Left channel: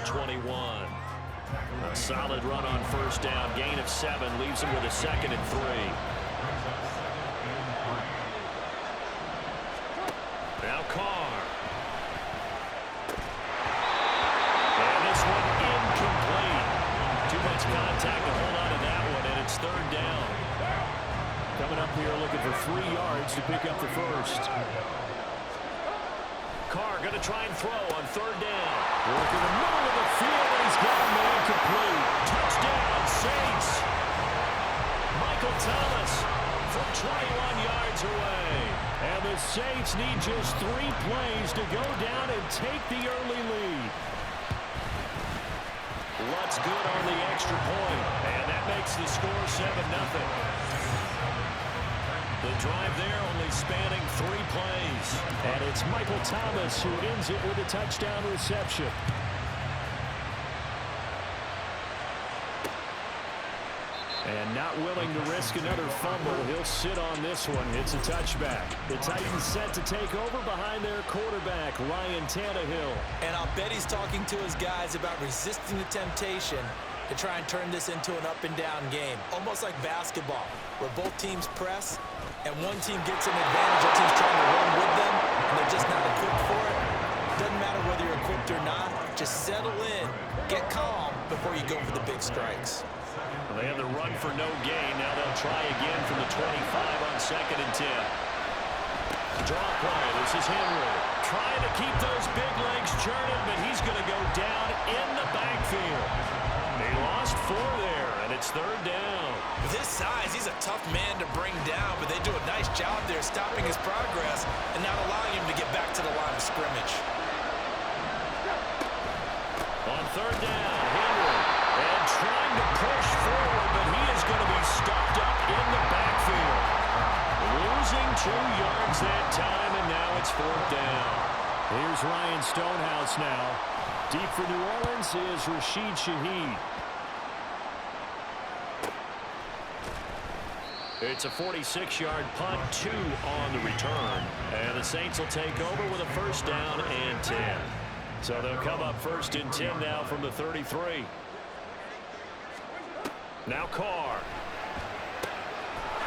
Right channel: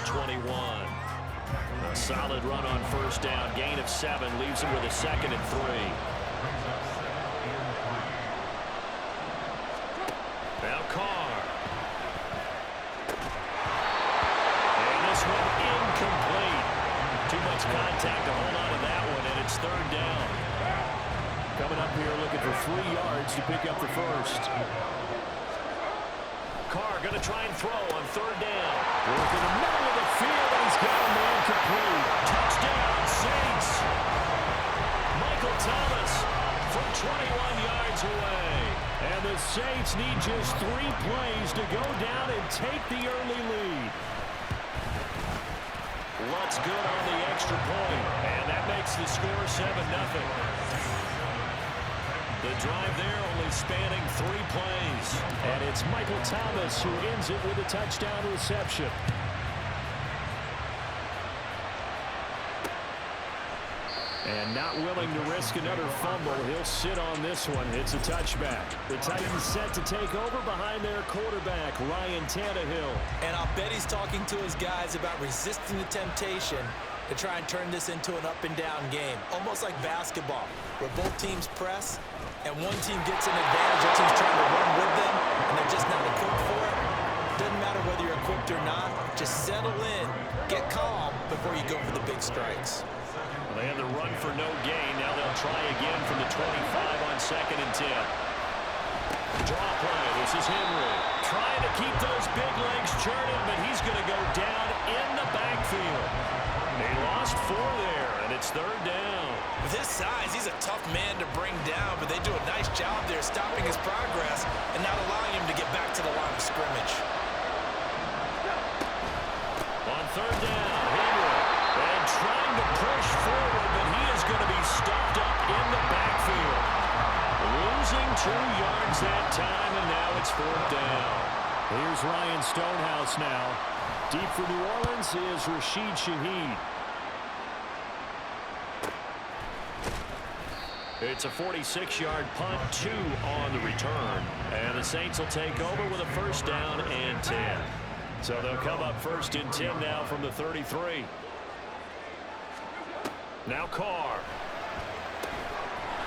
the 21. A solid run on first down. Gain of 7 leaves him with a 2nd and 3. Now Carr. And this one incomplete. Too much contact to hold on to that one, and it's 3rd down. Coming up here looking for 3 yards to pick up the first. Carr going to try and throw on 3rd down. Work in the middle of the field, and he's got a man complete. Touchdown, Saints. Michael Thomas from 21 yards away. And the Saints need just 3 plays to go down and take the early lead. Lutz good on the extra point, and that makes the score 7-0. The drive there only spanning 3 plays. And it's Michael Thomas who ends it with a touchdown reception. And not willing to risk another fumble, he'll sit on this one. It's a touchback. The Titans set to take over behind their quarterback, Ryan Tannehill. And I'll bet he's talking to his guys about resisting the temptation to try and turn this into an up-and-down game. Almost like basketball, where both teams press, and one team gets an advantage, the other team's trying to run with them, and they're just not equipped for it. Doesn't matter whether you're equipped or not. Just settle in, get calm before you go for the big strikes. Well, they have the run for no gain. Now they'll try again from the 25 on 2nd and 10. Draw play. This is Henry. Trying to keep those big legs churning, but he's going to go down in the backfield. They lost 4 there, and it's 3rd down. With his size, he's a tough man to bring down, but they do a nice job there stopping his progress and not allowing him to get back to the line of scrimmage. On 3rd down, Henry. And trying to push forward, but he is going to be stopped up in the backfield. Losing 2 yards that time, and now it's 4th down. Here's Ryan Stonehouse now. Deep for New Orleans is Rashid Shaheed. It's a 46-yard punt, 2 on the return. And the Saints will take over with a 1st down and 10. So they'll come up 1st and 10 now from the 33. Now Carr.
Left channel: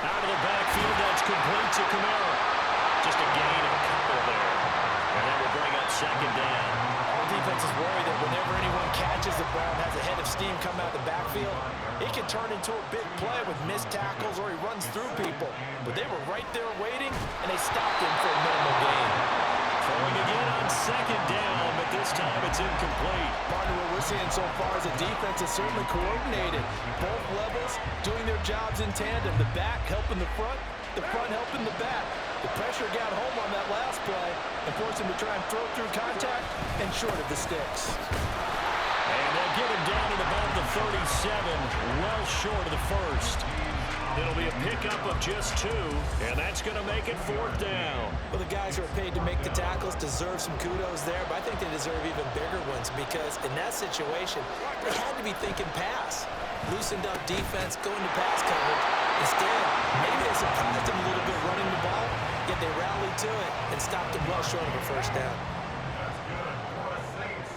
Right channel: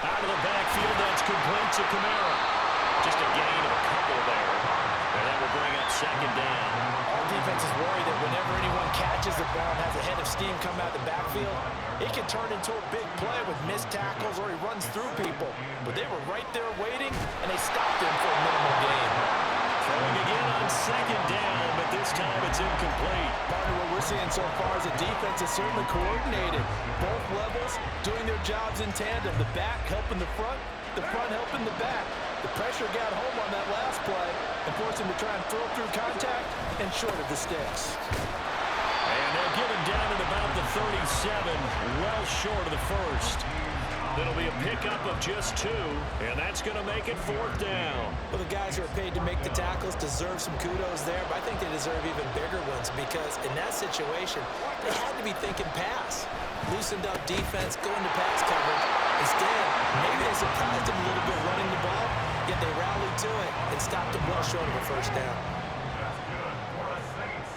Out of the backfield, that's complete to Kamara. Just a gain of a couple there. And that will bring up 2nd down. All defenses worry that whenever anyone catches the ball and has a head of steam come out of the backfield, it can turn into a big play with missed tackles or he runs through people. But they were right there waiting, and they stopped him for a minimal gain. Throwing again on 2nd down, but this time it's incomplete. Partner, what we're seeing so far is the defense is certainly coordinated. Both levels doing their jobs in tandem. The back helping the front helping the back. The pressure got home on that last play and forced him to try and throw through contact and short of the sticks. And they'll get him down at about the 37, well short of the first. It'll be a pickup of just 2, and that's going to make it 4th down. Well, the guys who are paid to make the tackles deserve some kudos there, but I think they deserve even bigger ones because in that situation, they had to be thinking pass. Loosened up defense, going to pass coverage. Instead, maybe they surprised him a little bit running the ball, yet they rallied to it and stopped him well short of a 1st down. That's good for the Saints.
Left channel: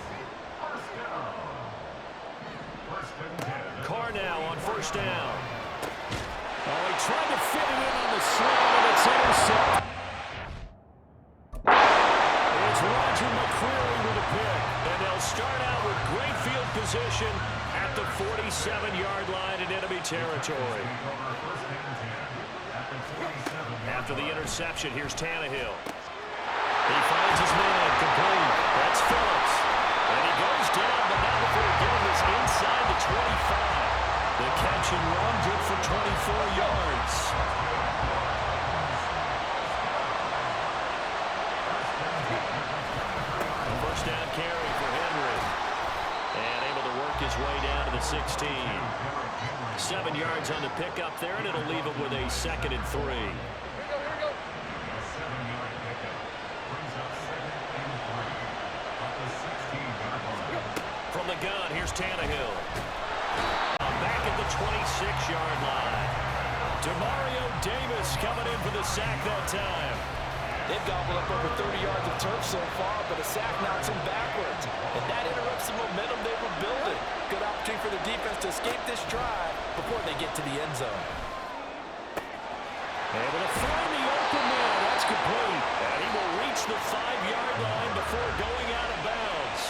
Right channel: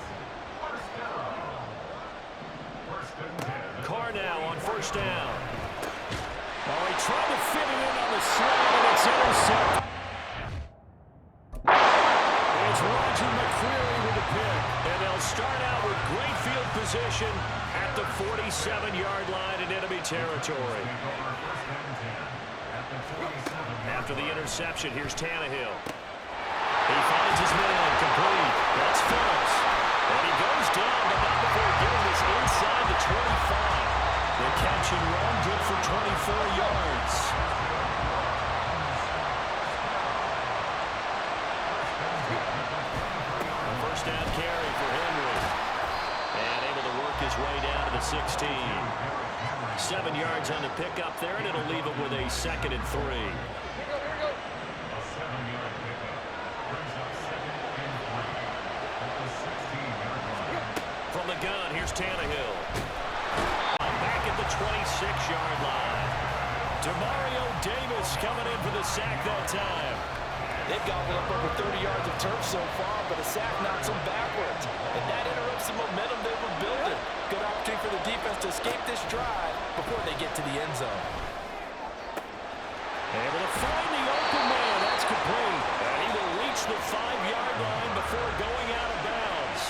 1st down. 1st and 10. Carr now on 1st down. Oh, he tried to fit it in on the slant, and it's intercepted. It's Roger McCreary with a pick. And they'll start out with great field position at the 47-yard line in enemy territory. After the interception, here's Tannehill. He finds his man complete. That's Phillips. And he goes down, but not before getting this inside the 25. The catch and run, good for 24 yards. A 1st down carry for Henry. And able to work his way down to the 16. 7 yards on the pickup there, and it'll leave him with a 2nd and 3. A 7-yard pickup brings up 2nd and 3 at the 16-yard line. From the gun, here's Tannehill. Back at the 26-yard line. Demario Davis coming in for the sack that time. They've gobbled up over 30 yards of turf so far, but a sack knocks them backwards. And that interrupts the momentum they first drive before they get to the end zone. Able to find the open man. That's complete. And he will reach the 5-yard line before going out of bounds.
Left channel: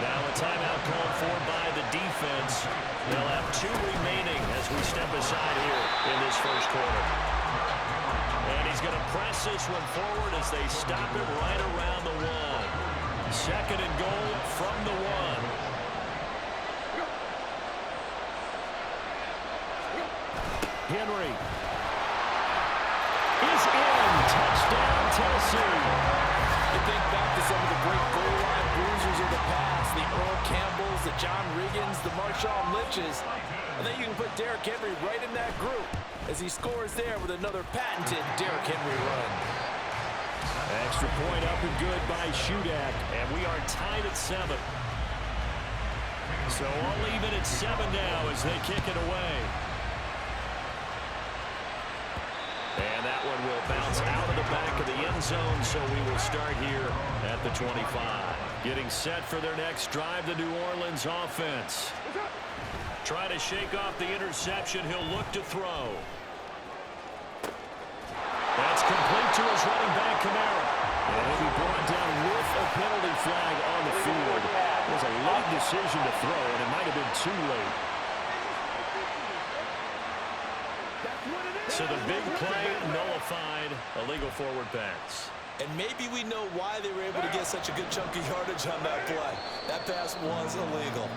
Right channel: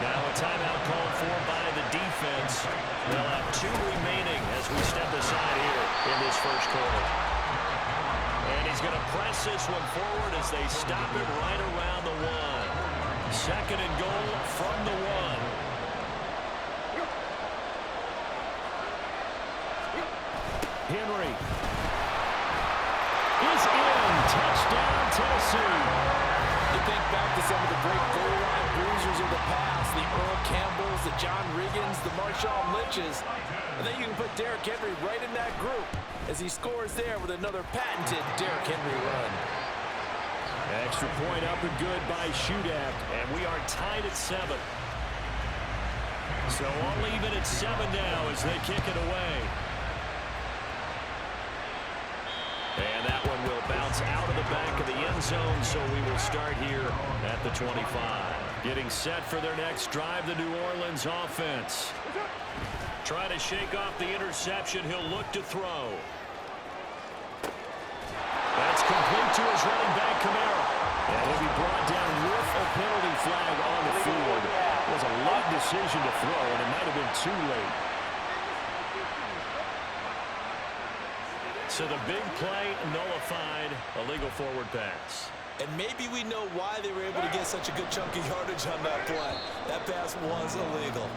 Now a timeout called for by the defense. They'll have 2 remaining as we step aside here in this first quarter. And he's going to press this one forward as they stop it right around the 1. Second and goal from the 1. Henry is in. Touchdown, Tennessee. You think back to some of the great goal line bruisers of the past, the Earl Campbells, the John Riggins, the Marshawn Lynches. I think you can put Derrick Henry right in that group as he scores there with another patented Derrick Henry run. Extra point up and good by Shudak, and we are tied at 7. So I'll leave it at 7 now as they kick it away. And that one will bounce out of the back of the end zone, so we will start here at the 25. Getting set for their next drive, the New Orleans offense. Try to shake off the interception. He'll look to throw. That's complete to his running back, Kamara. And he'll be brought down with a penalty flag on the field. It was a late decision to throw, and it might have been too late. So the big play nullified, a legal forward pass. And maybe we know why they were able to get such a good chunk of yardage on that play. That pass was illegal.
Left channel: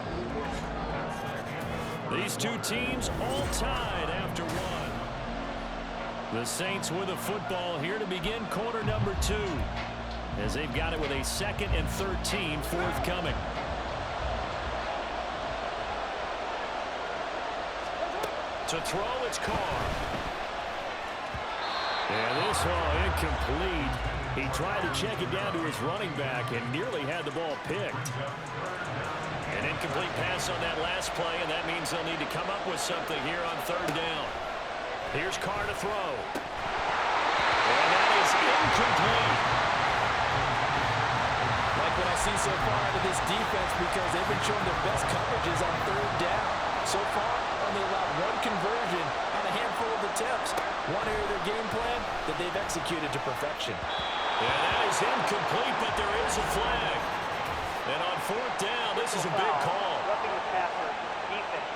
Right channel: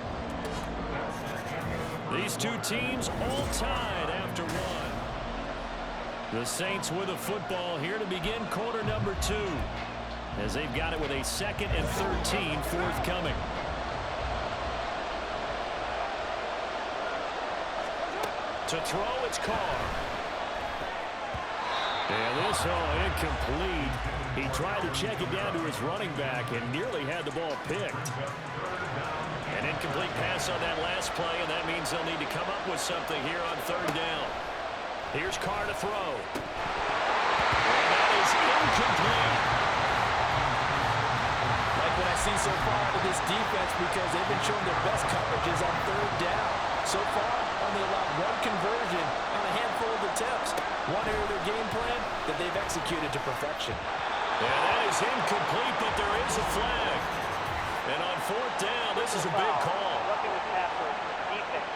These two teams all tied after 1. The Saints with a football here to begin quarter number 2. As they've got it with a 2nd and 13 forthcoming. To throw, it's Carr. And this incomplete. He tried to check it down to his running back and nearly had the ball picked. An incomplete pass on that last play, and that means they'll need to come up with something here on 3rd down. Here's Carr to throw. And that is incomplete. Like what I see so far out of this defense, because they've been showing their best coverages on 3rd down. So far, only allowed 1 conversion on a handful of attempts. One area of their game plan that they've executed to perfection. And that is incomplete, but there is a flag. And on 4th down, this is a big call. Roughing the passer, defense.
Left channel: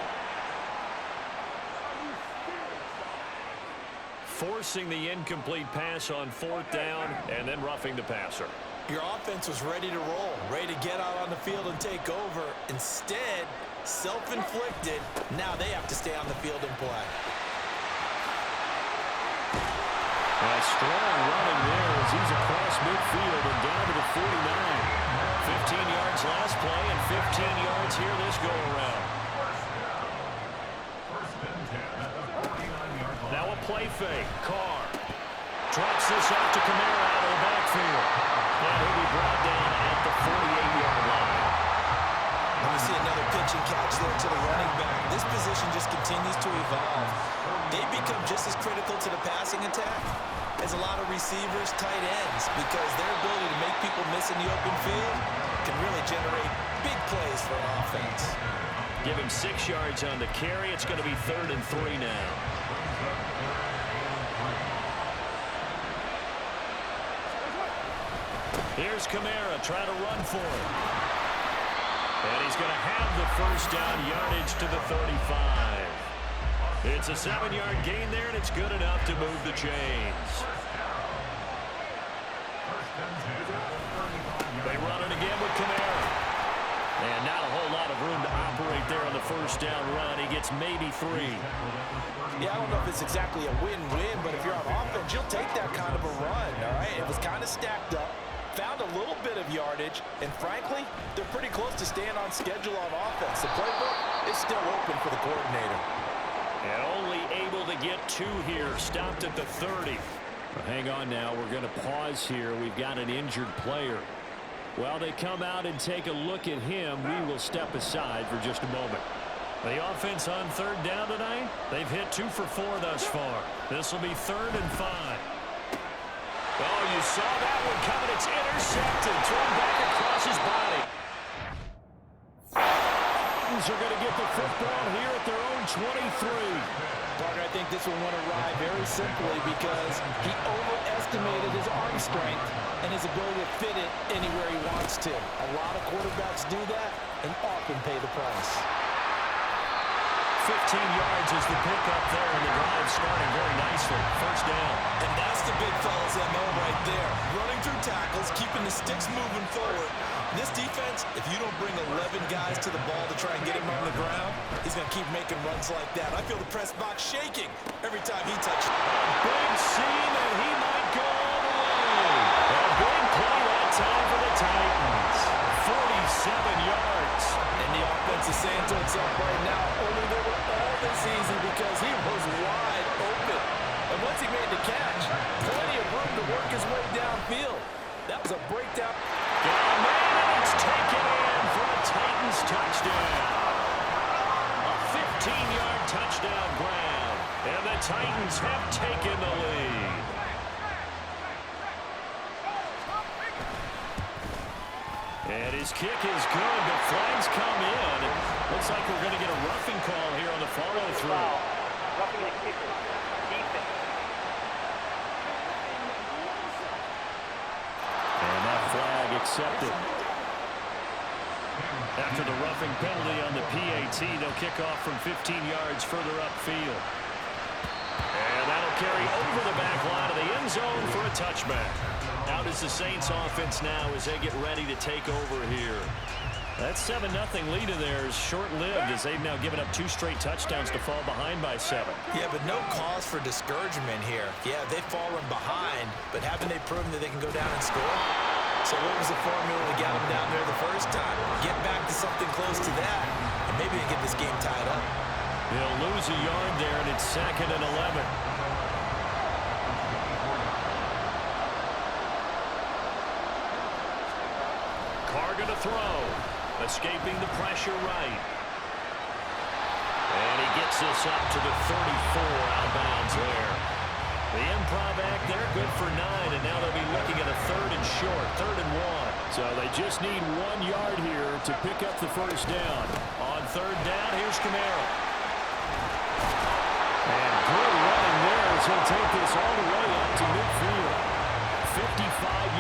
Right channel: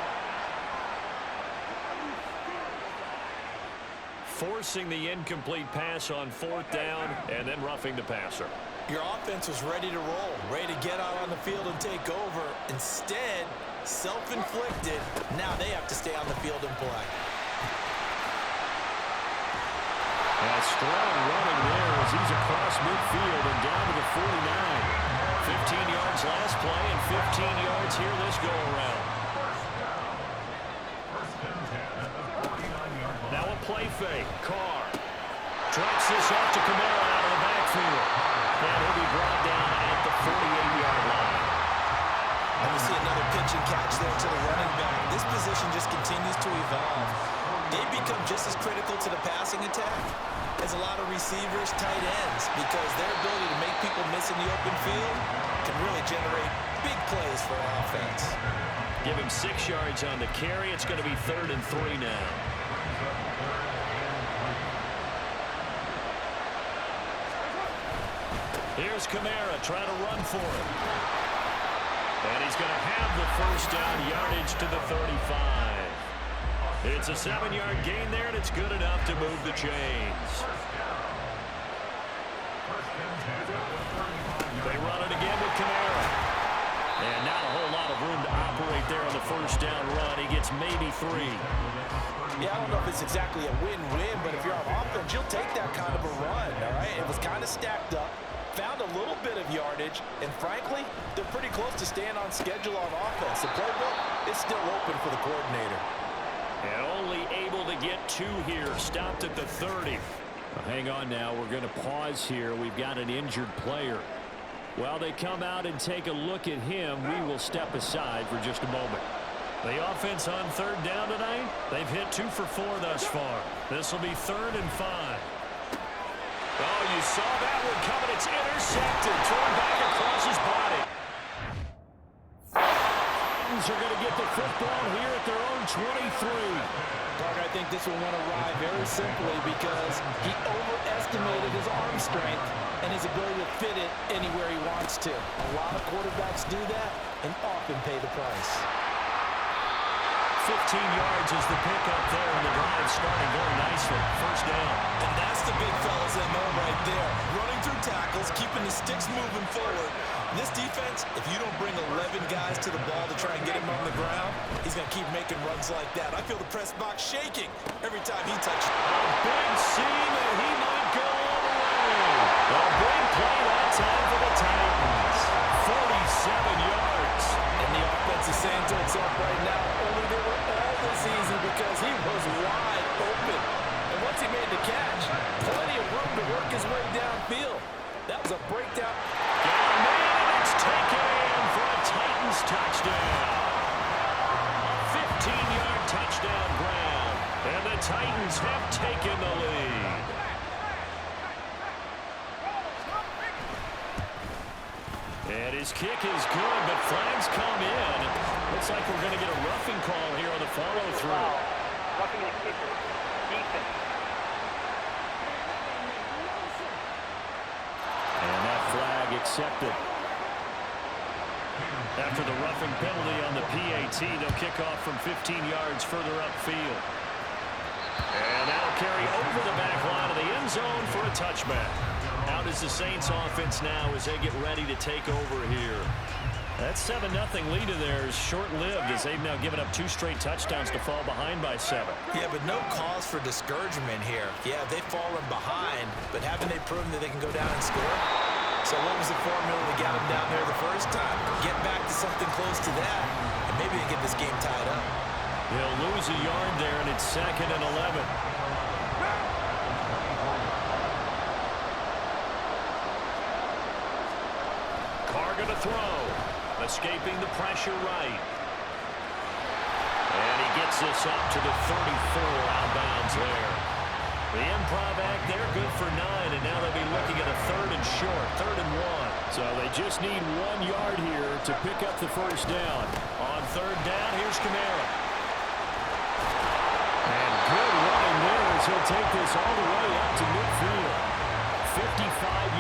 Forcing the incomplete pass on 4th down and then roughing the passer. Your offense was ready to roll, ready to get out on the field and take over. Instead, self-inflicted. Now they have to stay on the field and play. A strong running there as he's across midfield and down to the 49. 15 yards last play and 15 yards here this go-around. Now a play fake. Carr drops this off to Kamara out of the backfield. And he'll be brought down at the 48-yard line. And we see another pitch and catch there to the running back. This position just continues to evolve. They become just as critical to the passing attack as a lot of receivers, tight ends, because their ability to make people miss in the open field can really generate big plays for an offense. Give him 6 yards on the carry. It's going to be 3rd and 3 now. Here's Kamara trying to run for it. And he's going to have the 1st down, yardage to the 35. It's a 7-yard gain there, and it's good enough to move the chains. They run it again with Kamara. And not a whole lot of room to operate there on the 1st down run. He gets maybe 3. Yeah, I don't know if it's exactly a win-win, but if you're on offense, you'll take that kind of a run, all right? It was kind of stacked up. Found a little bit of yardage, and frankly, they're pretty close to staying on schedule on offense. The playbook is still open for the coordinator. And only able to get 2 here. Stopped at the 30. Well, hang on now. We're going to pause here. We've got an injured player. While they come out and take a look at him, we will step aside for just a moment. The offense on 3rd down tonight, they've hit 2 for 4 thus far. This will be 3rd and 5. Oh, you saw that one coming. It's intercepted. Thrown back across his body. Titans are going to get the football here at their own 23. Parker, I think this one went awry very simply because he overestimated his arm strength and his ability to fit it anywhere he wants to. A lot of quarterbacks do that and often pay the price. 15 yards is the pickup there, and the drive starting very nicely. First down. And that's the big fella's MO right there. Running through tackles, keeping the sticks moving forward. This defense, if you don't bring 11 guys to the ball to try and get him on the ground, he's going to keep making runs like that. I feel the press box shaking every time he touches it. A big seam, and he might go all the way. A big play that time for the Titans. 47 yards. And the offense is saying to itself right now, only they were all this easy because he was wide open. And once he made the catch, plenty of room to work his way downfield. That was a breakdown. Got a man, and it's taken in for a Titans touchdown. A 15-yard touchdown grab. And the Titans have taken the lead. And his kick is good, but flags come in. Looks like we're going to get a roughing call here on the follow-through. Roughing the kicker. Defense. And that flag accepted. After the roughing penalty on the PAT, they'll kick off from 15 yards further upfield. And that'll carry over the back line of the end zone for a touchback. Out is the Saints offense now as they get ready to take over here. That 7-0 lead of theirs short-lived as they've now given up 2 straight touchdowns to fall behind by 7. Yeah, but no cause for discouragement here. Yeah, they've fallen behind, but haven't they proven that they can go down and score? So what was the formula that got them down there the first time? Get back to something close to that, and maybe they get this game tied up. He'll lose a yard there, and it's 2nd and 11. Carr going to throw. Escaping the pressure right. And he gets this up to the 34 out of bounds there. The improv act there, good for 9, and now they'll be looking at a 3rd and short, 3rd and 1. So they just need 1 yard here to pick up the first down. On 3rd down, here's Kamara. And good running there as he'll take this all the way up to midfield. 55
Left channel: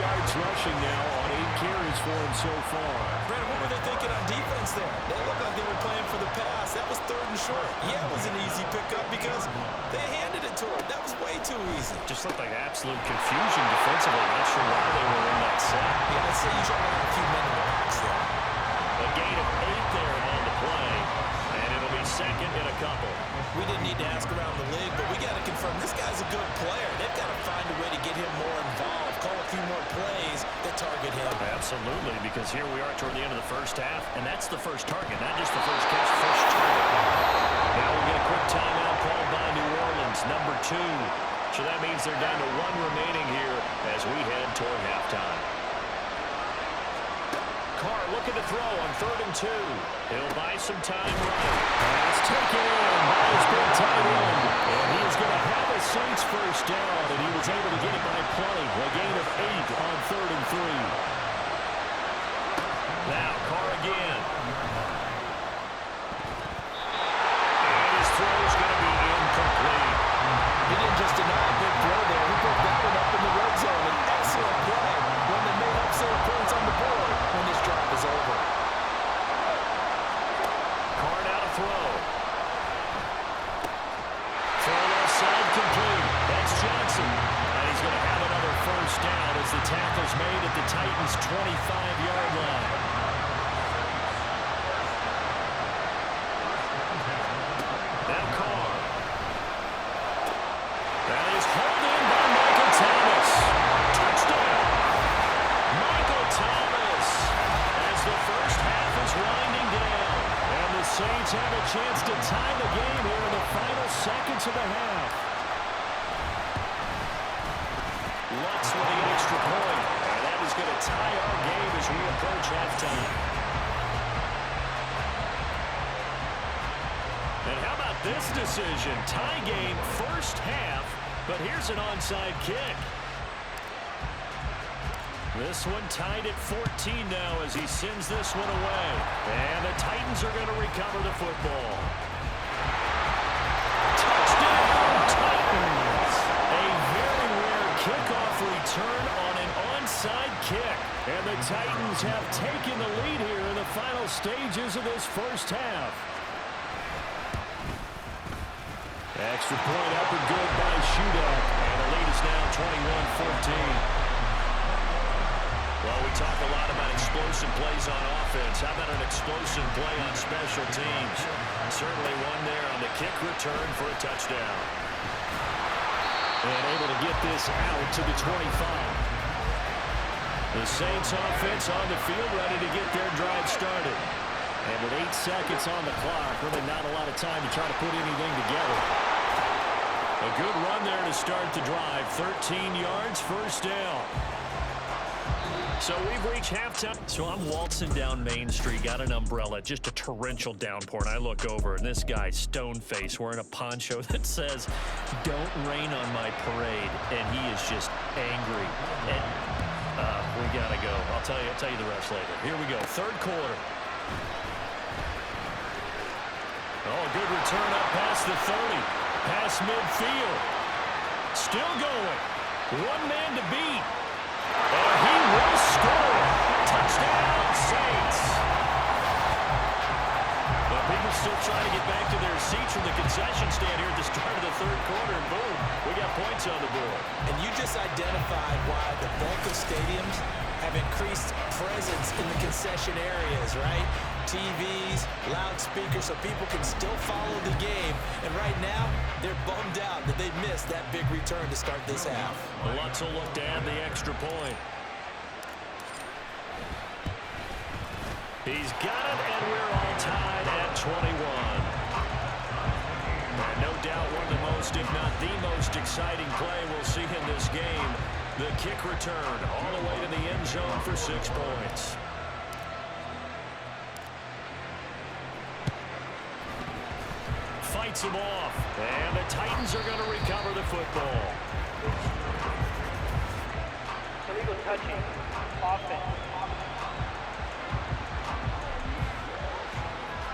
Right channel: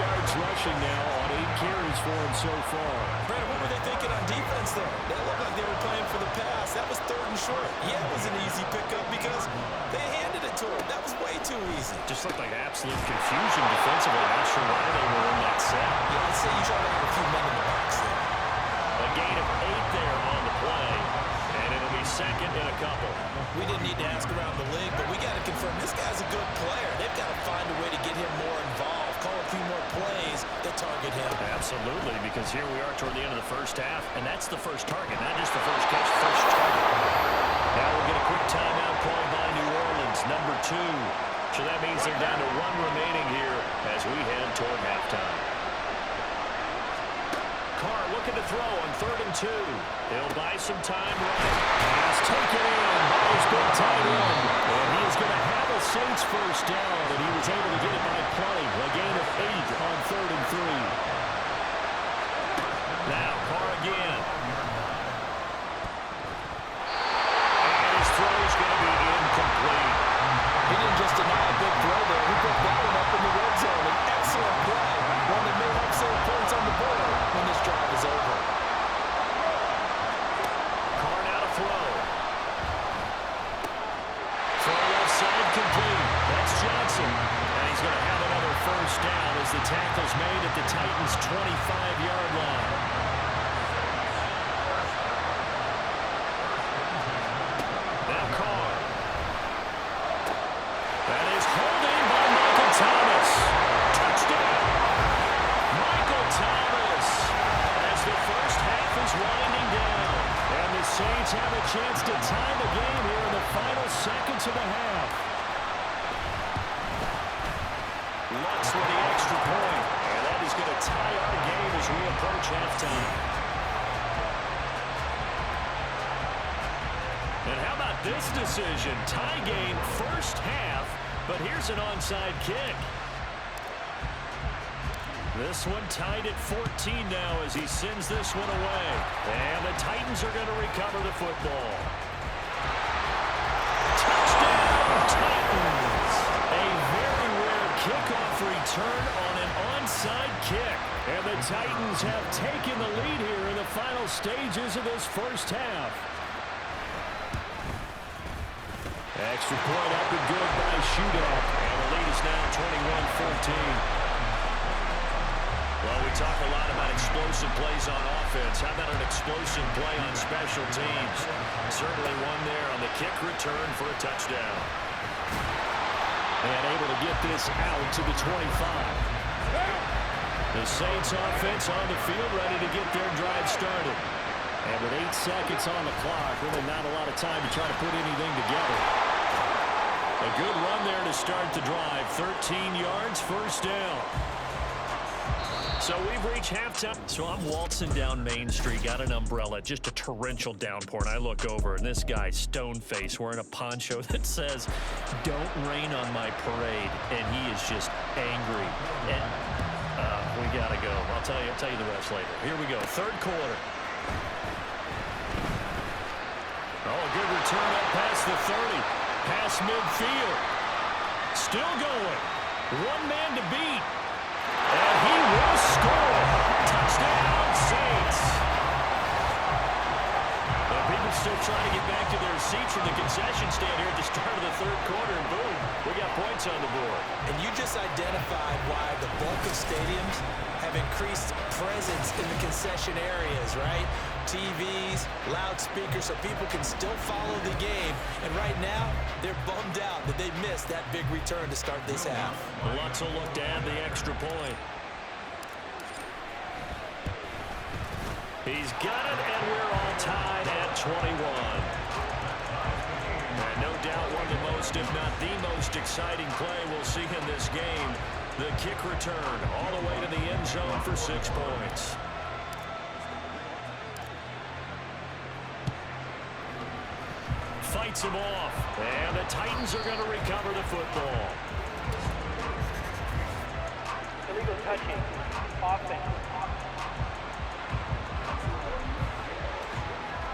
yards rushing now on 8 carries for him so far. Brandon, what were they thinking on defense there? They looked like they were playing for the pass. That was 3rd and short. Yeah, it was an easy pickup because they handed it to him. That was way too easy. Just looked like absolute confusion defensively. Not sure why they were in that set. Yeah, I'd say you try to have a few men in the box there. A gain of 8 there on the play. And it'll be 2nd and a couple. We didn't need to ask around the league, but we got to confirm this guy's a good player. They've got to find a way to get him more involved, call a few more plays that target him. Absolutely, because here we are toward the end of the first half, and that's the first target, not just the first catch, first target. Now we'll get a quick timeout called by New Orleans, number 2. So that means they're down to 1 remaining here as we head toward halftime. Carr looking to throw on 3rd and 2. He'll buy some time right. Pass taken in by his big tight end. And he is going to have a Saints first down, and he was able to get it by plenty. A gain of 8 on 3rd and 3. Now Carr again. And his throw's going to be incomplete. He didn't just deny a big throw there. He put that one up in the red zone. An excellent play. One that may help save points on the board when this drive is over. Carr now to throw. Throw left side complete. That's Johnson. And he's going to have another first down as the tackle's made at the Titans' 25-yard line. Now Carr. That is hauled in by Michael Thomas. Touchdown! Michael Thomas as the first half is winding down. And the Saints have a chance to tie the game here in the final seconds of the half. Lutz with the extra point. And that is going to tie our game as we approach halftime. And how about this decision? Tie game first half, but here's an onside kick. This one tied at 14 now as he sends this one away. And the Titans Titans are going to recover the football. Touchdown, Titans! A very rare kickoff return on an onside kick. And the Titans have taken the lead here in the final stages of this first half. Extra point up and good by Shudak. And the lead is now 21-14. Well, we talk a lot about explosive plays on offense. How about an explosive play on special teams? Certainly one there on the kick return for a touchdown. And able to get this out to the 25. The Saints offense on the field, ready to get their drive started. And with 8 seconds on the clock, really not a lot of time to try to put anything together. A good run there to start the drive. 13 yards, first down. So we've reached halftime. So I'm waltzing down Main Street, got an umbrella, just a torrential downpour, and I look over, and this guy, stone-faced, wearing a poncho that says, "Don't rain on my parade," and he is just angry. And we gotta go. I'll tell you the rest later. Here we go, third quarter. Oh, a good return up past the 30, past midfield. Still going. One man to beat. And he will score. Touchdown, Saints. Well, people still trying to get back to their seats from the concession stand here at the start of the third quarter, and boom, we got points on the board. And you just identified why the bulk of stadiums have increased presence in the concession areas, right? TVs, loudspeakers, so people can still follow the game. And right now, they're bummed out that they missed that big return to start this half. Lutz will look to add the extra point. He's got it, and we're all tied at 21. And no doubt one of the most, if not the most exciting play we'll see in this game. The kick return all the way to the end zone for 6 points. Fights him off, and the Titans are going to recover the football. Illegal touching. Offense.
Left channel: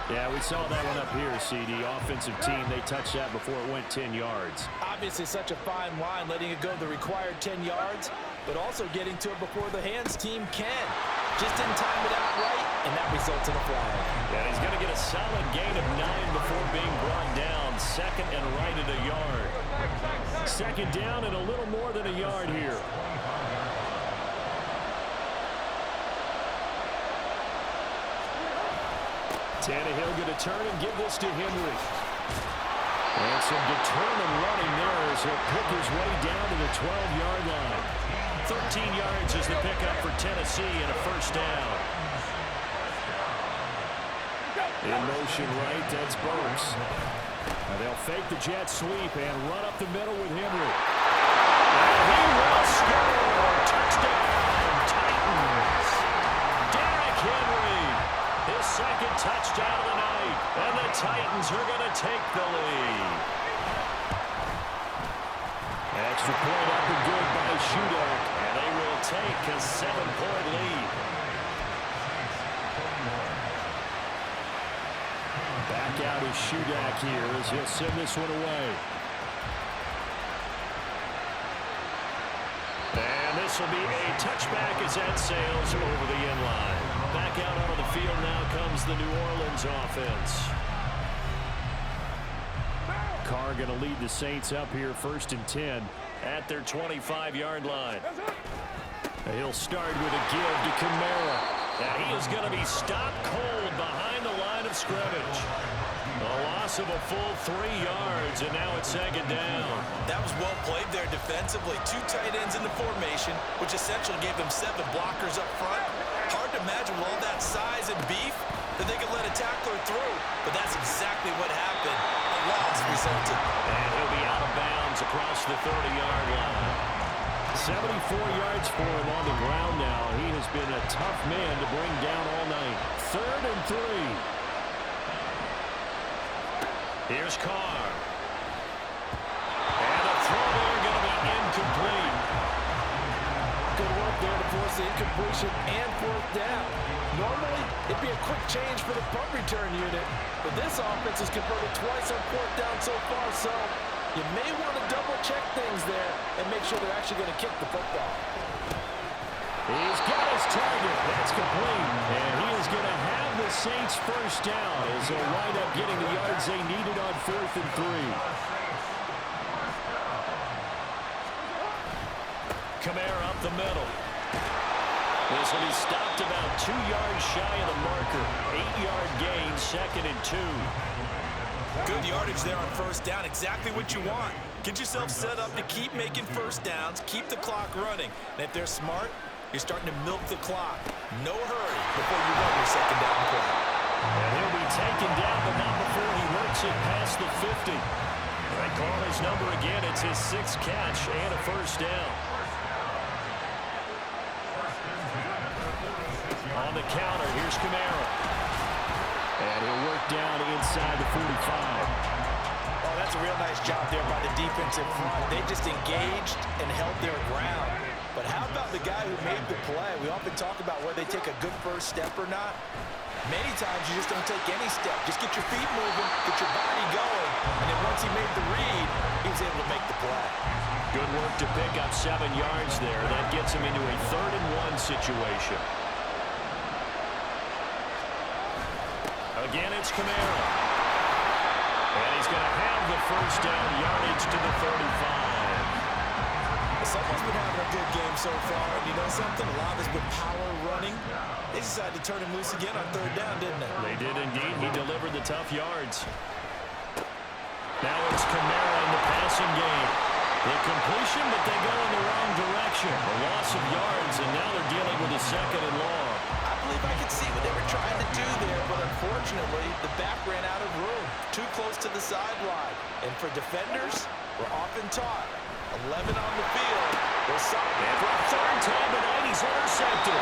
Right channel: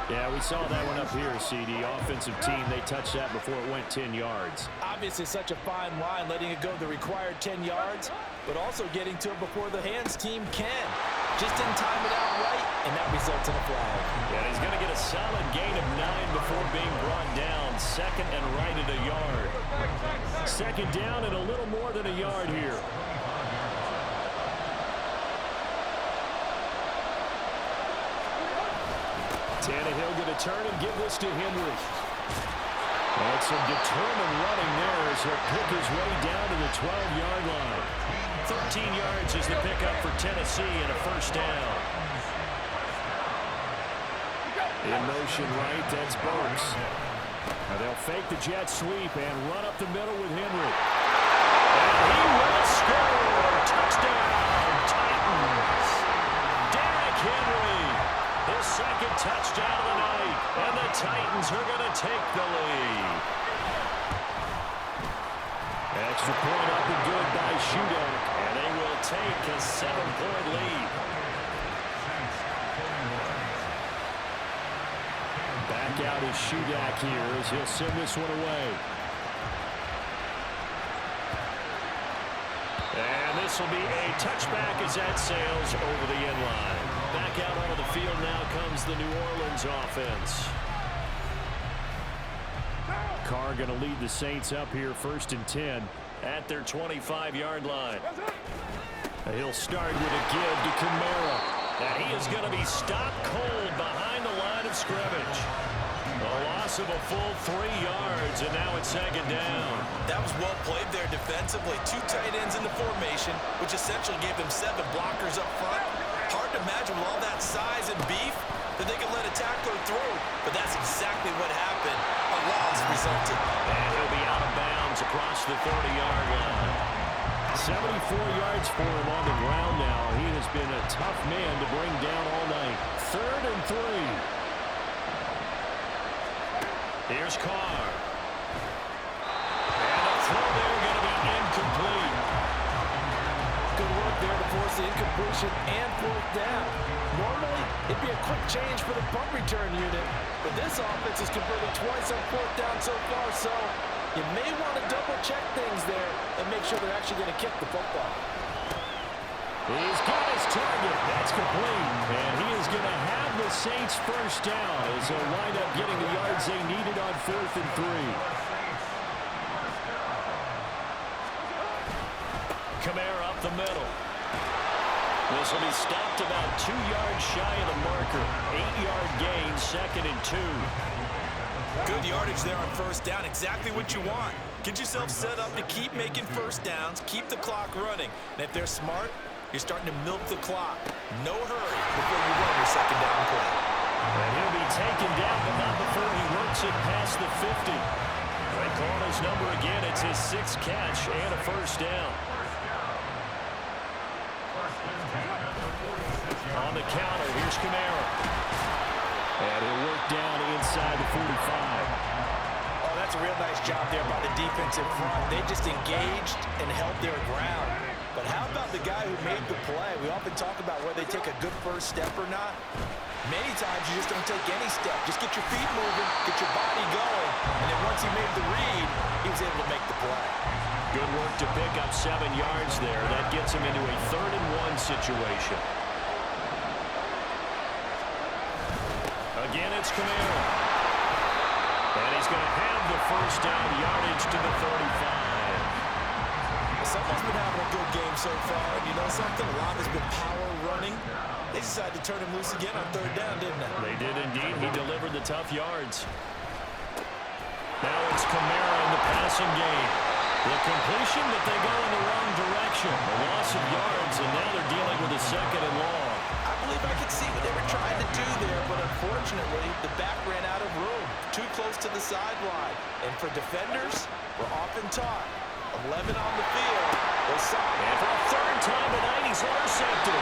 Yeah, we saw that one up here, CD. Offensive team, they touched that before it went 10 yards. Obviously such a fine line, letting it go the required 10 yards, but also getting to it before the hands team can. Just didn't time it out right, and that results in a flag. Yeah, he's going to get a solid gain of 9 before being brought down. Second and right at a yard. Second down and a little more than a yard here. Tannehill going to turn and give this to Henry. And some determined running there as he'll pick his way down to the 12-yard line. 13 yards is the pickup for Tennessee and a first down. In motion right, that's Burks. Now they'll fake the jet sweep and run up the middle with Henry. And he will score! Touchdown, Titans! Derrick Henry, his second touchdown of the night. And the Titans are going to take the lead. Extra point up and good by Shudak. And they will take a 7-point lead. Back out is Shudak here as he'll send this one away. And this will be a touchback as that sails over the end line. Back out onto the field now comes the New Orleans offense. Carr going to lead the Saints up here first and 10 at their 25-yard line. He'll start with a give to Kamara. And he is going to be stopped cold behind the line of scrimmage. A loss of a full 3 yards, and now it's second down. That was well played there defensively. 2 tight ends in the formation, which essentially gave them 7 blockers up front. Hard to imagine with all that size and beef that they could let a tackler through, but that's exactly what happened. A loss resulted. And he'll be out of bounds across the 30-yard line. 74 yards for him on the ground now. He has been a tough man to bring down all night. 3rd and 3. Here's Carr. And the throw there going to be incomplete. Good work there to force the incompletion and fourth down. Normally, it'd be a quick change for the punt return unit, but this offense has converted twice on fourth down so far, so you may want to double-check things there and make sure they're actually going to kick the football. He's got his target. That's complete. And he is going to have the Saints first down as they'll wind up getting the yards they needed on 4th and 3. Kamara up the middle. This will be stopped about 2 yards shy of the marker. 8-yard gain, 2nd and 2. Good yardage there on first down. Exactly what you want. Get yourself set up to keep making first downs, keep the clock running. And if they're smart, you're starting to milk the clock. No hurry before you run your second down play. And he'll be taken down, but not before he works it past the 50. They call his number again. It's his 6th catch and a first down. On the counter, here's Kamara. And he'll work down inside the 45. Oh, that's a real nice job there by the defensive front. They just engaged and held their ground. But how about the guy who made the play? We often talk about whether they take a good first step or not. Many times you just don't take any step. Just get your feet moving, get your body going, and then once he made the read, he was able to make the play. Good work to pick up 7 yards there. That gets him into a 3rd and 1 situation. Again, it's Kamara. And he's going to have the first down, yardage to the 35. Someone's been having a good game so far, and you know something? A lot has been power running. They decided to turn him loose again on 3rd down, didn't they? They did indeed. He delivered the tough yards. Now it's Kamara in the passing game. The completion, but they go in the wrong direction. A loss of yards, and now they're dealing with a 2nd and long. I believe I could see what they were trying to do there, but unfortunately, the back ran out of room. Too close to the sideline. And for defenders, we're often taught, 11 on the field. And for a 3rd time tonight, he's intercepted.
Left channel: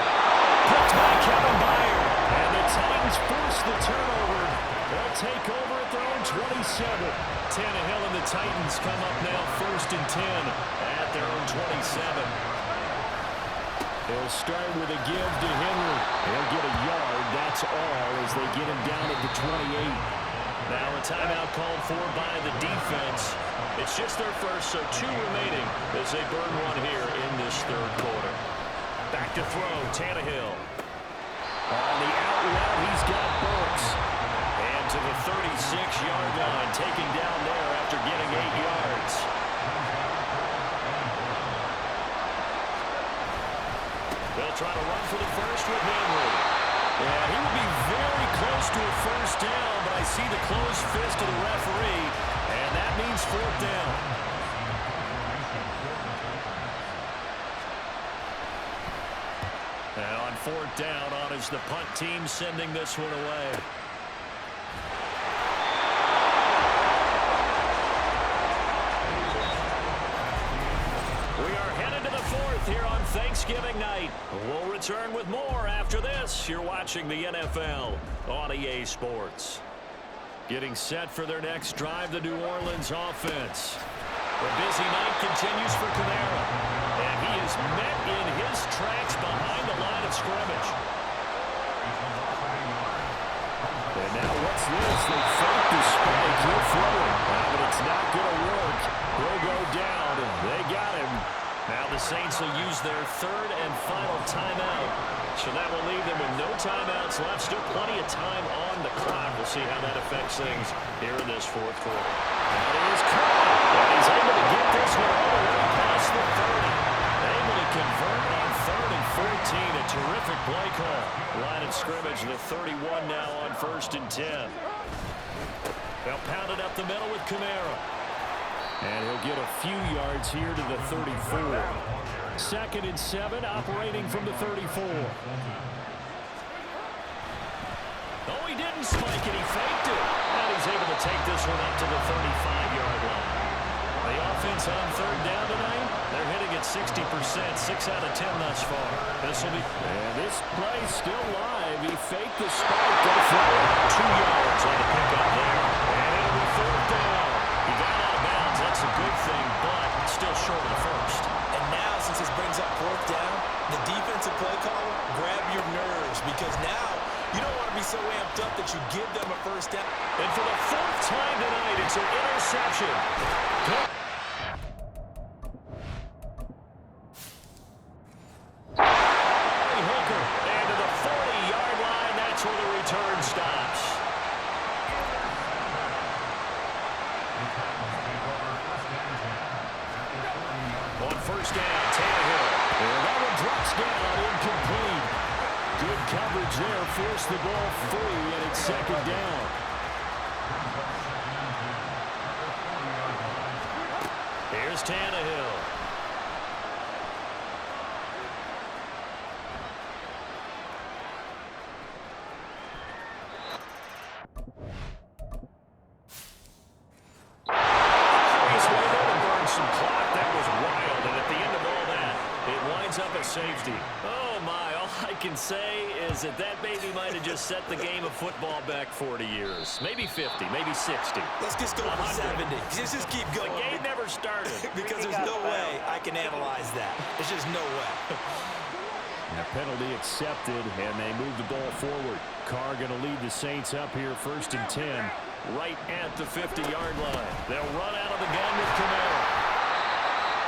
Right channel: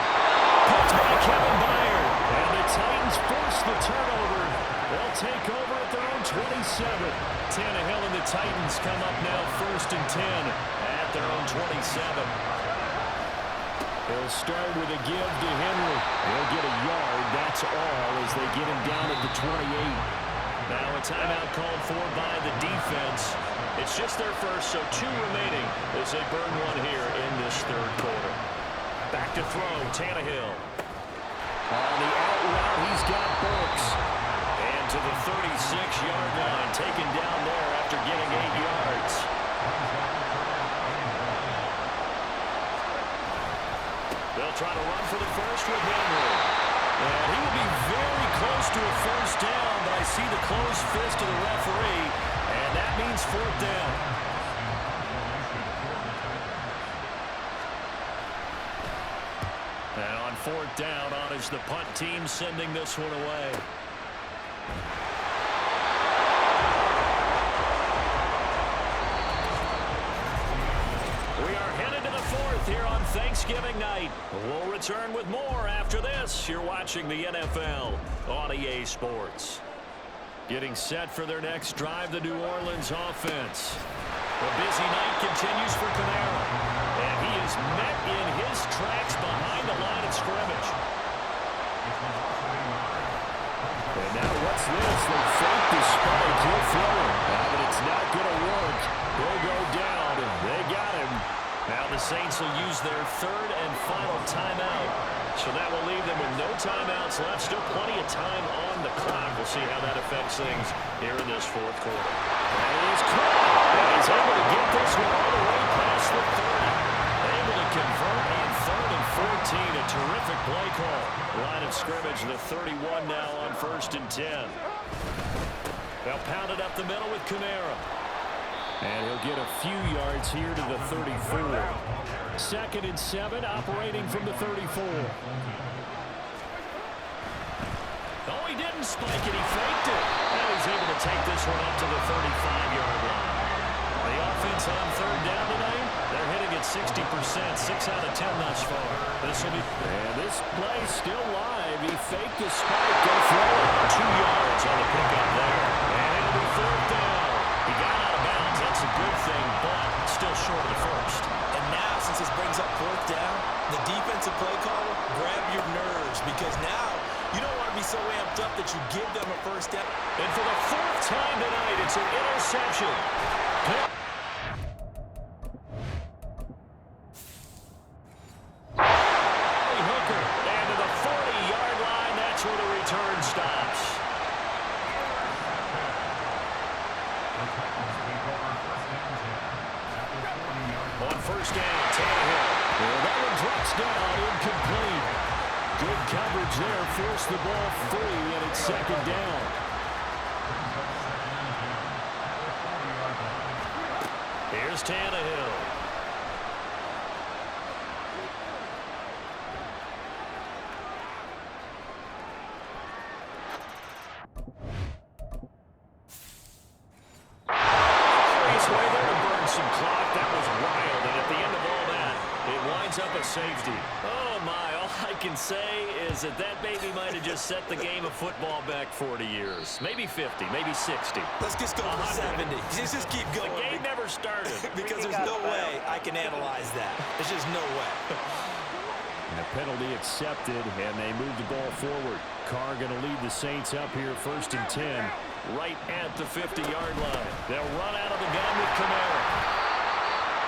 Picked by Kevin Byard. And the Titans force the turnover. They'll take over at their own 27. Tannehill and the Titans come up now 1st and 10 at their own 27. They'll start with a give to Henry. He'll get a yard, that's all, as they get him down at the 28. Now a timeout called for by the defense. It's just their first, so 2 remaining as they burn 1 here in this 3rd quarter. Back to throw, Tannehill. On the out route, he's got Burks. And to the 36-yard line, taken down there after getting 8 yards. They'll try to run for the first with Henry. And he will be very close to a first down, but I see the closed fist of the referee, and that means 4th down. And on 4th down, on is the punt team sending this one away. We are headed to the 4th here on Thanksgiving night. We'll return with more after this. You're watching the NFL on EA Sports. Getting set for their next drive, the New Orleans offense. The busy night continues for Kamara. And he is met in his tracks behind the line of scrimmage. And now what's this? They fake the spike. He'll throw it. But it's not going to work. He'll go down. They got him. Now the Saints will use their 3rd and final timeout. So that will leave them with no timeouts left. Still plenty of time on the clock. We'll see how that affects things here in this 4th quarter. And he's caught. And he's able to get this one all the way past the 30. Able to convert on 3rd and 14. A terrific play call. Line of scrimmage, the 31 now on 1st and 10. They'll pound it up the middle with Kamara. And he'll get a few yards here to the 34. 2nd and 7, operating from the 34. Oh, he didn't spike it. He faked it. And he's able to take this one up to the 35-yard line. The offense on 3rd down tonight, they're hitting at 60%, 6 out of 10 thus far. This will be, and this play still live. He faked the spike, go throw it. 2 yards on the pickup there. And it'll be 4th down. He got out of bounds. That's a good thing, but still short of the first. And now, since this brings brings up fourth down, the defensive play caller, grab your nerves, because now you don't want to be so amped up that you give them a first down. And for the fourth time tonight, it's an interception. Hooker, and to the 40-yard line, that's where the return stops. On first down, Tannehill. And that one drops down, incomplete. Good coverage there, forced the ball free, and it's second down. Here's Tannehill. Curious way there to burn some clock. That was wild, and at the end of all that, it winds up a safety. Oh, my. All I can say is that baby might have just set the game of football back 40 years. Maybe 50, maybe 60. Let's just go for 70. Just keep going. The game never started. Because there's no way I can analyze that. There's just no way. And a penalty accepted, and they move the ball forward. Carr going to lead the Saints up here, 1st and 10, right at the 50-yard line. They'll run out of the gun with Kamara.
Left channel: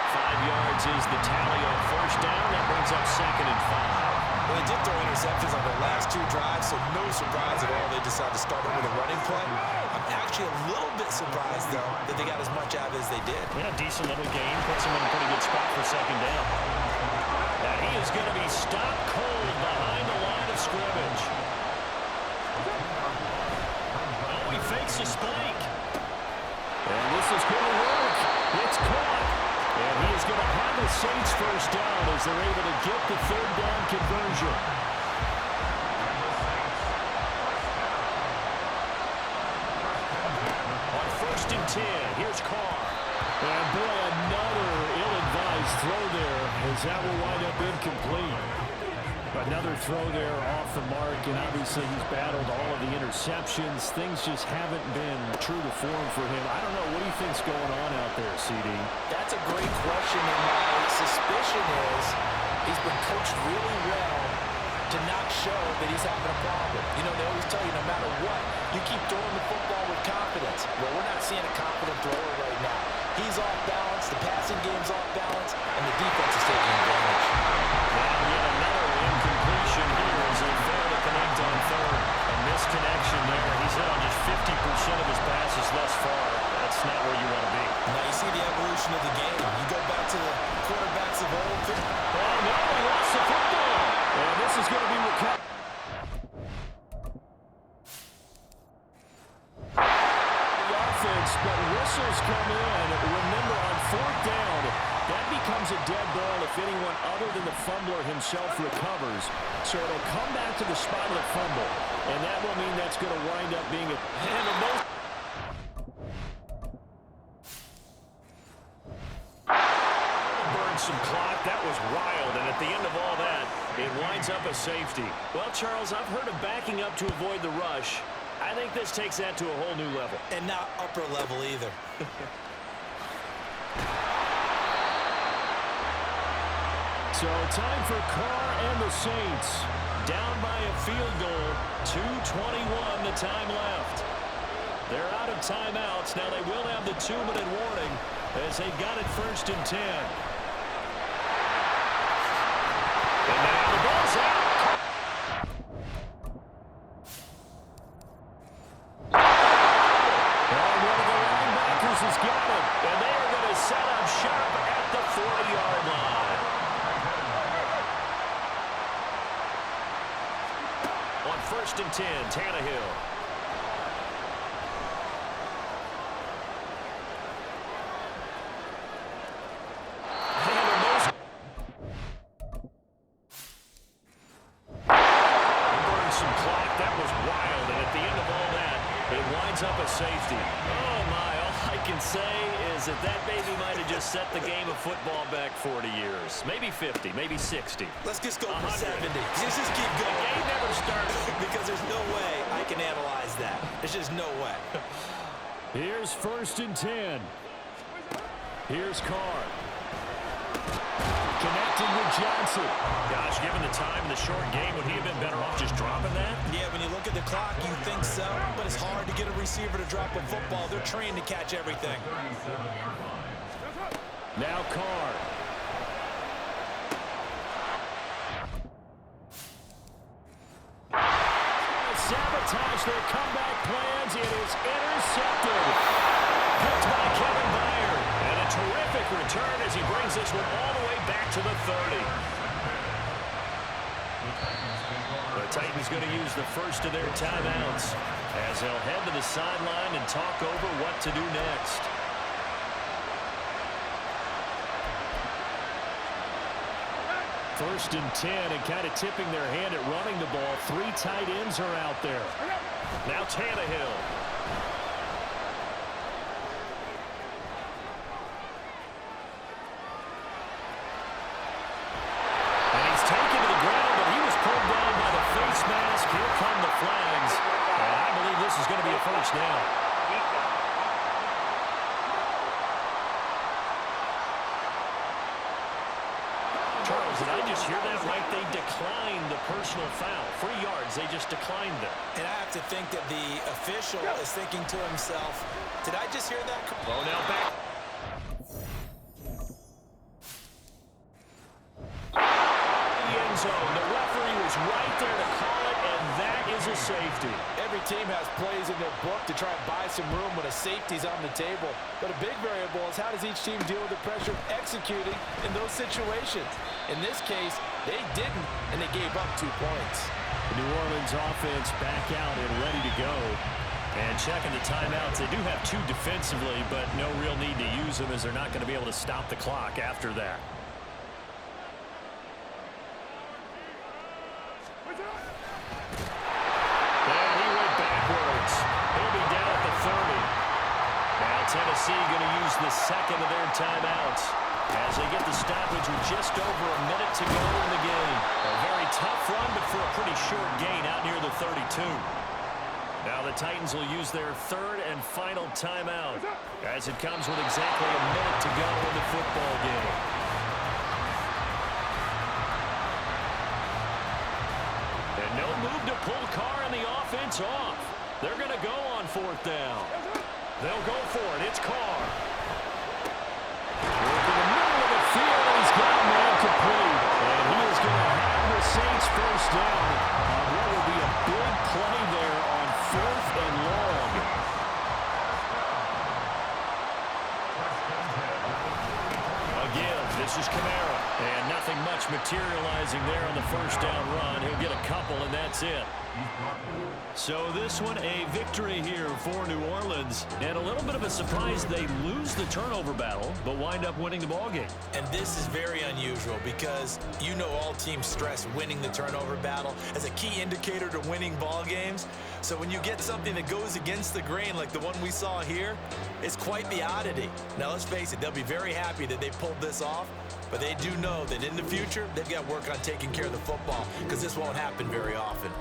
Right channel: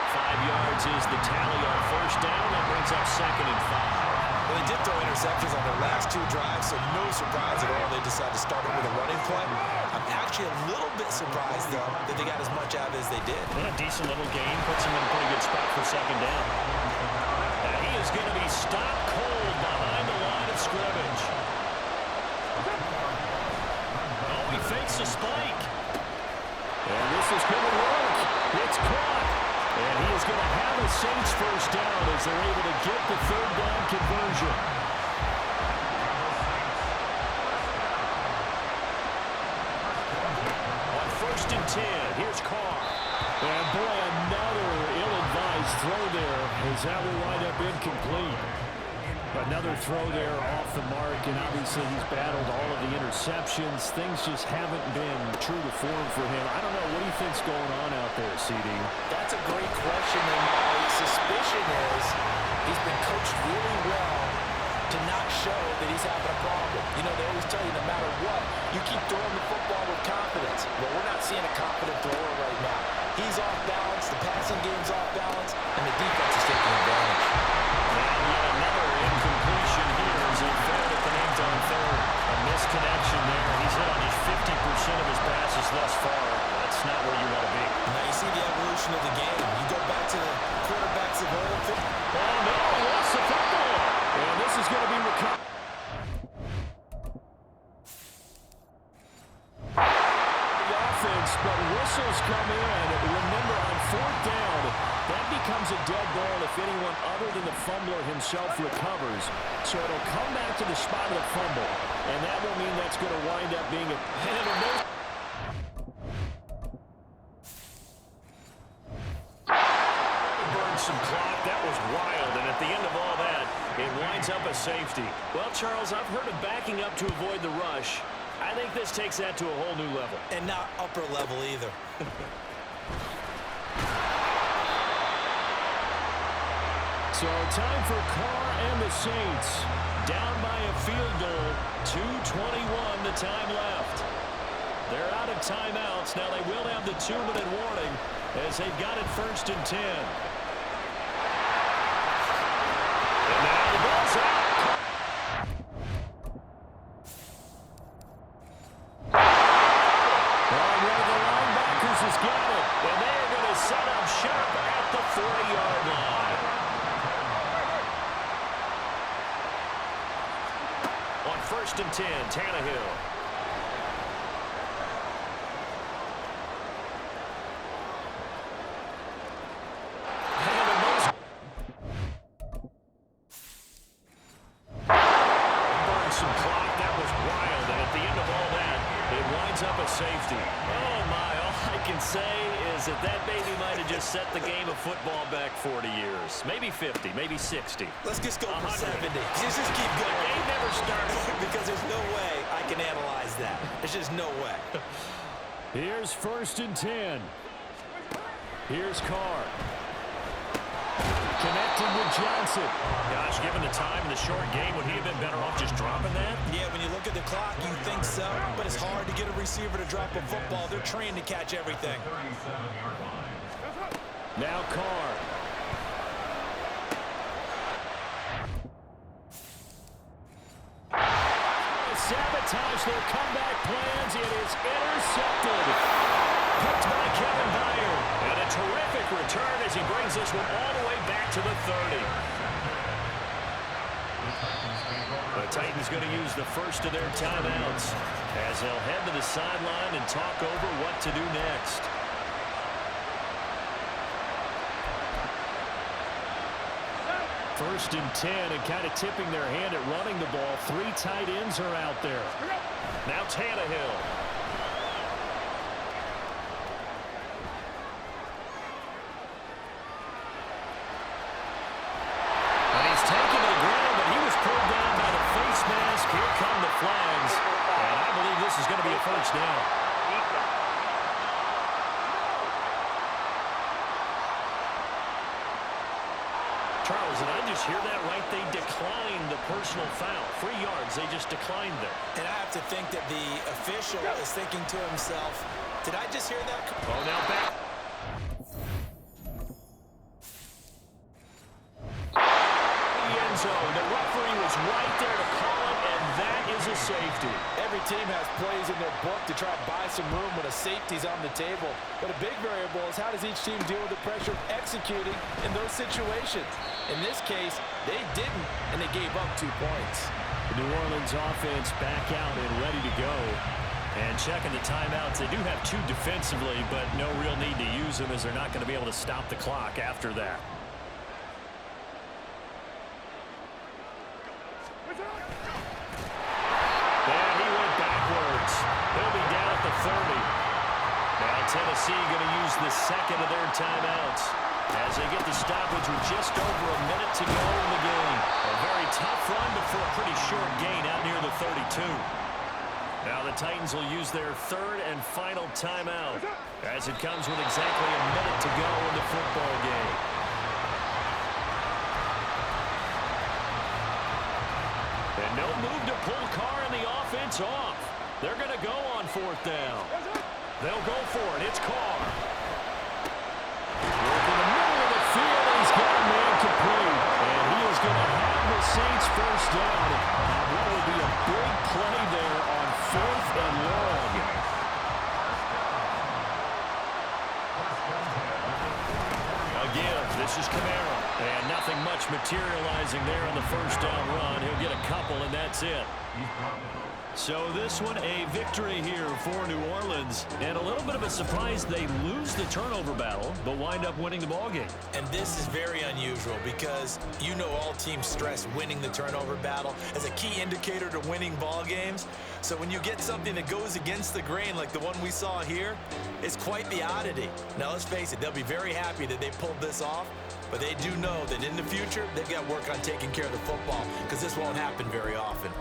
5 yards is the tally on first down. That brings up 2nd and 5. Well, they did throw interceptions on their last 2 drives, so no surprise at all they decided to start it with a running play. I'm actually a little bit surprised, though, that they got as much out of it as they did. Yeah, decent little gain. Puts them in a pretty good spot for 2nd down. And he is going to be stopped cold behind the line of scrimmage. Oh, he fakes a spike. And this is going to work. It's caught. And he is going to have a Saints first down as they're able to get the 3rd down conversion. On 1st and 10, here's Carr. And boy, another ill-advised throw there as that will wind up incomplete. Another throw there off the mark, and obviously he's battled all of the interceptions. Things just haven't been true to form for him. I don't know. What do you think's going on out there, CD? That's a great question, and my suspicion is he's been coached really well to not show that he's having a problem. You know, they always tell you no matter what, you keep throwing the football with confidence. Well, we're not seeing a confident thrower right now. He's off balance, the passing game's off balance, and the defense is taking advantage. Now yet another incompletion here as they fail to connect on 3rd. A misconnection there. He's hit on just 50% of his passes thus far. That's not where you want to be. Now you see the evolution of the game. You go back to the quarterbacks of old. Oh, no, he lost the football. And this is going to be recovered. The offense, but whistles come in. Remember, on 4th down, that becomes a dead ball if anyone other than the fumbler himself recovers. So it'll come back to the spot of the fumble. And that will mean that's going to wind up being burned some clock. That was wild. And at the end of all that, it winds up a safety. Well, Charles, I've heard of backing up to avoid the rush. I think this takes that to a whole new level. And not upper level either. So time for Carr and the Saints. Down by a field goal. 2:21 the time left. They're out of timeouts. Now they will have the 2-minute warning as they've got it 1st and 10. And now the ball's out. And one of the linebackers has got it. And they are going to set up shop at the 40-yard line. On 1st and 10, Tannehill. Some clock. That was wild, and at the end of all that, it winds up a safety. Oh, my. All I can say is that baby might have just set the game of football back 40 years. Maybe 50, maybe 60. Let's just go for 100. 70. Just keep going. The game never started. Because there's no way I can analyze that. There's just no way. Here's 1st and 10. Here's Carr. connecting with Johnson. Gosh, given the time in the short game, would he have been better off just dropping that? Yeah, when you look at the clock, you think so, but it's hard to get a receiver to drop a football. They're trained to catch everything. 37-yard line. Now Carr. Sabotage their comeback plans. It is intercepted. Picked by Kevin Byard. And a terrific return as he brings this one all the way back to the 30. The Titans going to use the first of their timeouts as they'll head to the sideline and talk over what to do next. First and 10, and kind of tipping their hand at running the ball. 3 tight ends are out there. Now Tannehill. And he's taken to the ground, but he was pulled down by the face mask. Here come the flags. And I believe this is going to be a first down. Charles, did I just hear that right? They declined the personal foul. 3 yards, they just declined them. And I have to think that the official is thinking to himself, did I just hear that? Oh, now back. The end zone. The referee was right there to call it, and that is a safety. Every team has plays in their book to try and buy some room when a safety's on the table. But a big variable is how does each team deal with the pressure of executing in those situations. In this case, they didn't, and they gave up 2 points. The New Orleans offense back out and ready to go. And checking the timeouts, they do have 2 defensively, but no real need to use them as they're not going to be able to stop the clock after that. And he went backwards. He'll be down at the 30. Now Tennessee going to use the second of their timeouts as they get the stoppage with just over a minute to go in the game. A very tough run, but for a pretty short gain out near the 32. Now the Titans will use their 3rd and final timeout as it comes with exactly a minute to go in the football game. And no move to pull Carr and the offense off. They're going to go on 4th down. They'll go for it. It's Carr. Work in the middle of the field, and he's got a man complete. And he is going to have the Saints first down. What will be a big play there on 4th and long. Again, this is Kamara. And nothing much materializing there on the first down run. He'll get a couple, and that's it. So this one, a victory here for New Orleans. And a little bit of a surprise, they lose the turnover battle, but wind up winning the ballgame. And this is very unusual because you know all teams stress winning the turnover battle as a key indicator to winning ball games. So when you get something that goes against the grain like the one we saw here, it's quite the oddity. Now let's face it, they'll be very happy that they pulled this off, but they do know that in the future, they've got to work on taking care of the football because this won't happen very often.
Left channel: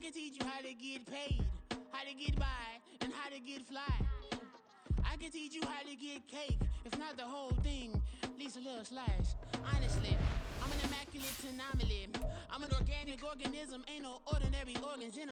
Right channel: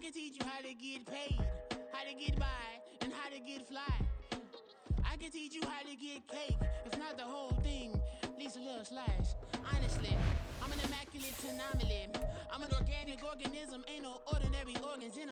can teach you how to get paid, how to get by, and how to get fly. I can teach you how to get cake, if not the whole thing, at least a little slice. Honestly, I'm an immaculate anomaly. I'm an organic organism, ain't no ordinary organs in